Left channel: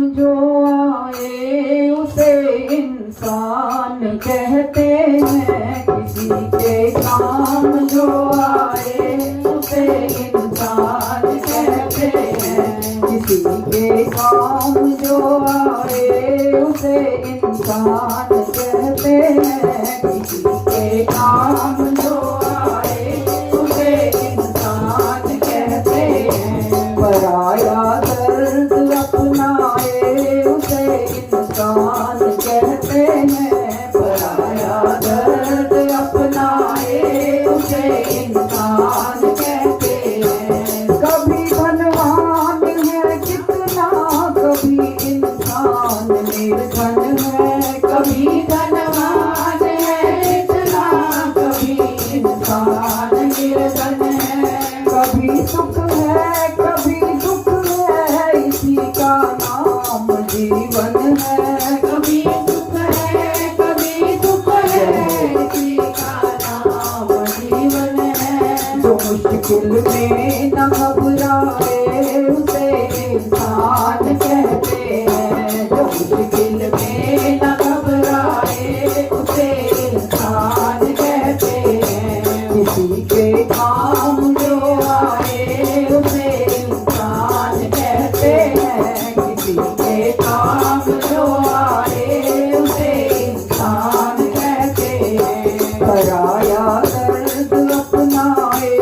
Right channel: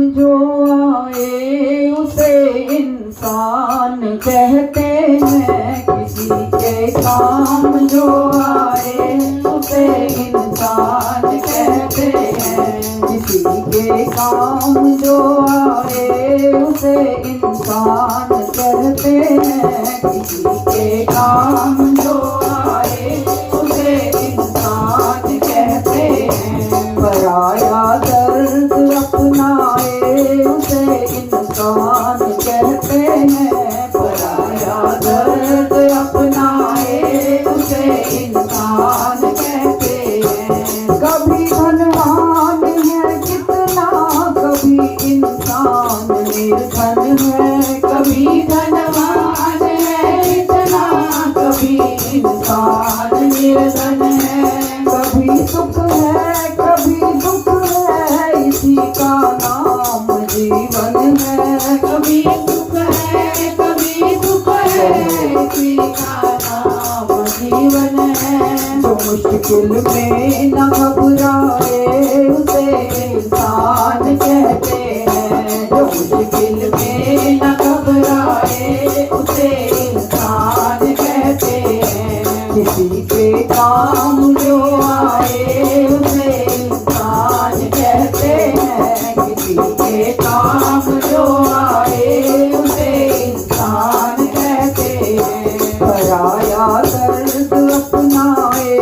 जो आए उसे इंसान कहते हैं। किसी के काम जो आए उसे इंसान कहते हैं। किसी के काम जो आए उसे इंसान कहते हैं। किसी के काम जो आए उसे इंसान कहते हैं। पराया दर्द अपनाए उसे इंसान कहते हैं। पराया दर्द अपनाए उसे इंसान कहते हैं। कभी धनवान है कितना, कभी इंसान निर्धन है। कभी धनवान है इतना, कभी इंसान निर्धन है। कभी सुख है कभी दुख है, इसी का नाम जीवन है। कभी सुख है कभी दुख है, इसी का नाम जीवन है। जो मुश्किल में न घबराए उसे इंसान कहते हैं। जो मुश्किल में न घबराए उसे इंसान कहते हैं। किसी के काम जो आए उसे इंसान कहते हैं। किसी के काम जो आए उसे इंसान कहते हैं। पराया दर्द अपनाए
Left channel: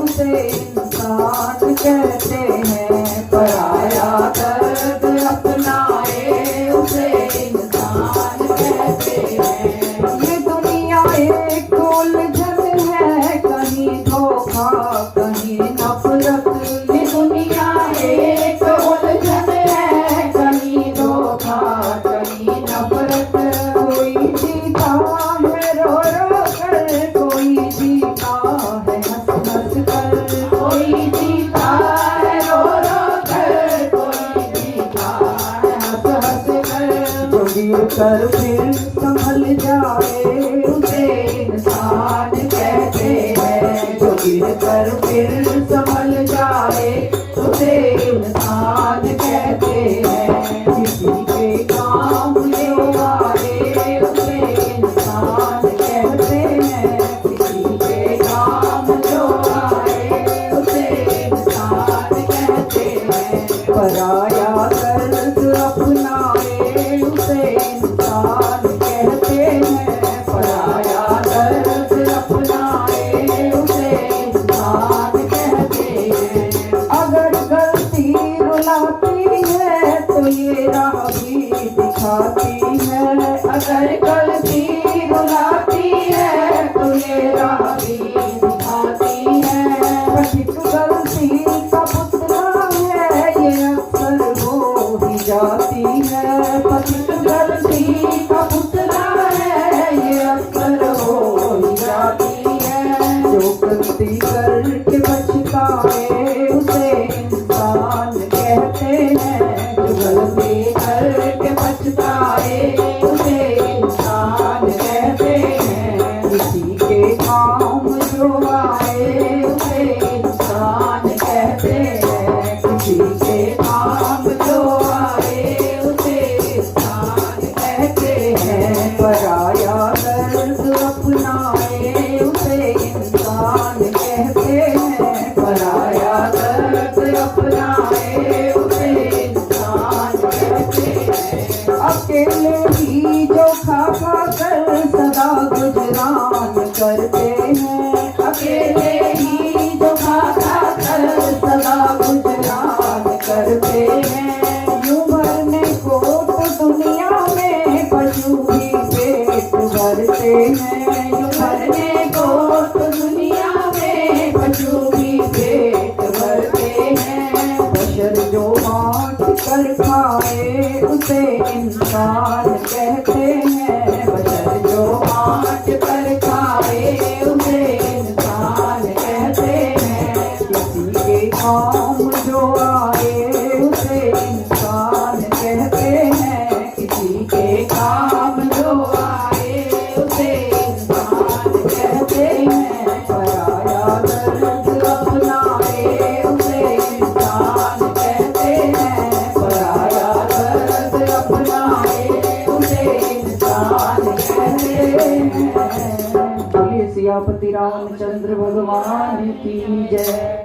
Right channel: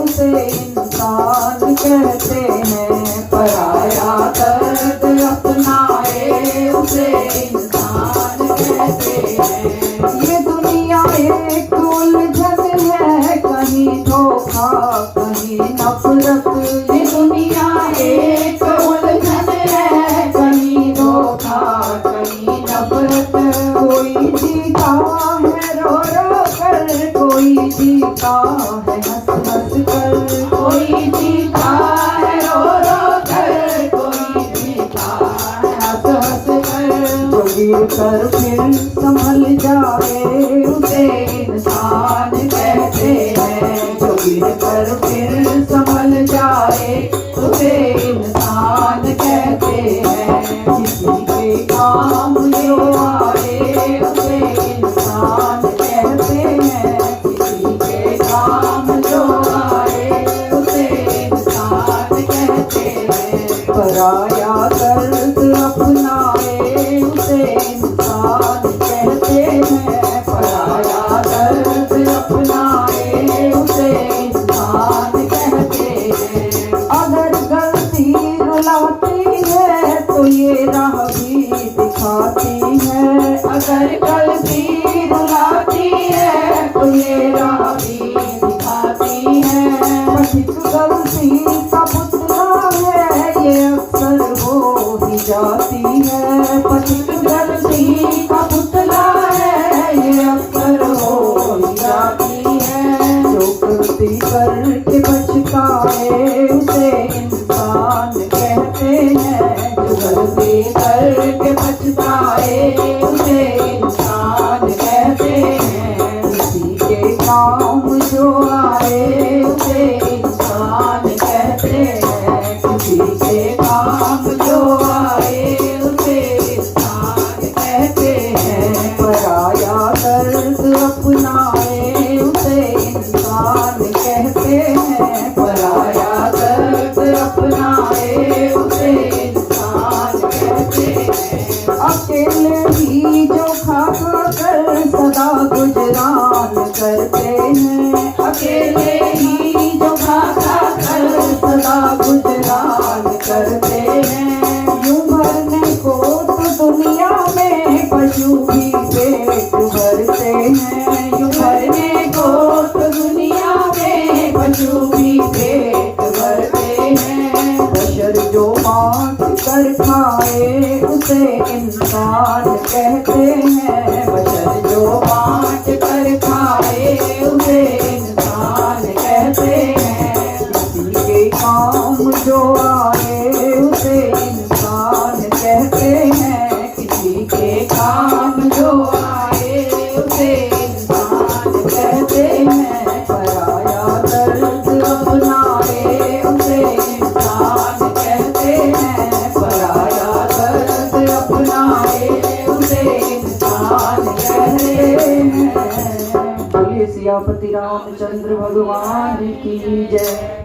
उसे इंसान कहते हैं। पराया दर्द अपनाए उसे इंसान कहते हैं। ये दुनिया एक उलझन है, कहीं धोखा कहीं नफरत। ये दुनिया एक उलझन है, कहीं धोखा कहीं नफरत। कोई जीता है रो रो कर, कोई जीता है हंस हंस कर। कोई जीता है रो रो कर, कोई जीता है हंस हंस कर। जो गिर कर फिर संभल जाए उसे इंसान कहते हैं। जो गिर कर फिर संभल जाए उसे इंसान कहते हैं। किसी के काम जो आए उसे इंसान कहते हैं। किसी के काम जो आए उसे इंसान कहते हैं। पराया दर्द अपनाए उसे इंसान कहते हैं। पराया दर्द अपनाए उसे इंसान कहते हैं। अगर गलती रुलाती है तो ये राह भी दिखाती है। अगर गलती रुलाती है तो ये राह भी दिखाती है। पथिक गलती का पुतला है, ये अक्सर हो ही जाती है। पथिक गलती का पुतला है, ये अक्सर हो ही जाती है। जो गलती करके पछताए उसे इंसान कहते हैं। जो गलती करके पछताए उसे इंसान कहते हैं। किसी के काम जो आए उसे इंसान कहते हैं। किसी के काम जो आए उसे इंसान कहते हैं। पराया दर्द अपनाए उसे इंसान कहते हैं। पराया दर्द अपनाए उसे इंसान कहते हैं। अकेले ही जो खा खा कर सदा गुजरान करते हैं। अकेले ही जो खा खा कर सदा गुजरान करते हैं। यूं भरने को तो दुनिया में पशु भी पेट भरते हैं। यूं भरने को तो दुनिया में पशु भी पेट भरते हैं। बशर जो बांट कर खाए उसे इंसान कहते हैं। बशर जो बांट कर खाए उसे इंसान कहते हैं। किसी के काम जो आए उसे इंसान कहते हैं। किसी के काम जो आए उसे इंसान कहते हैं। पराया दर्द अपनाए उसे इंसान कहते हैं। पराया दर्द उसे इंसान कहते हैं। बोलिए सियापति रामचंद्र भगवान की जय।